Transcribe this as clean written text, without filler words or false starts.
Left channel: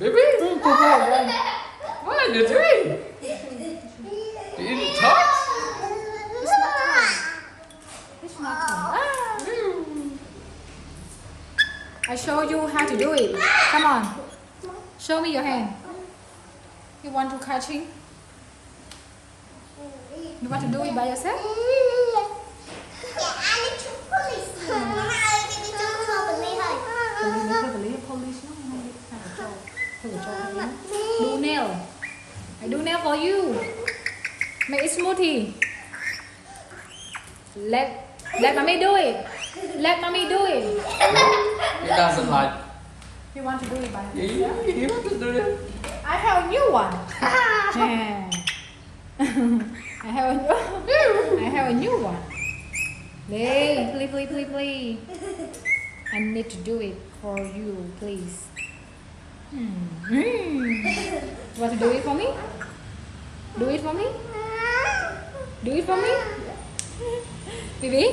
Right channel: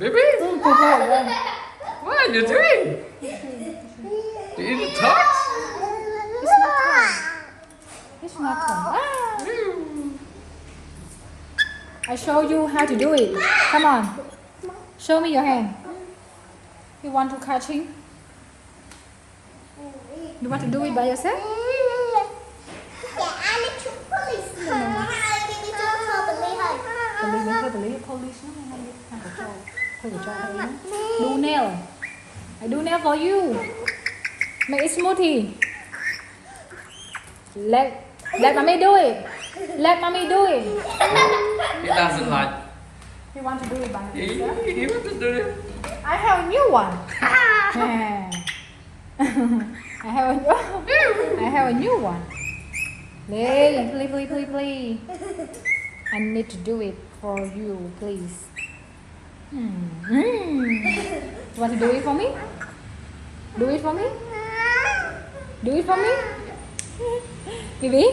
Bibi, Good boy. what are you doing? You eat the top? It's not time. It's not time. I show you how to do it. Come on. Show me your hand. You want to catching? You want to do it by yourself? Police. Do nail. I do nail for you. Make it smoothie. Let mommy do it. Let mommy do it. He doesn't like. You want to do it by He yourself? wants to do it. I have a new one. Yeah. I have a new one. Please. I need to do it for you, please. You want to do it for me? Do it for me? Do it for me? Bibi?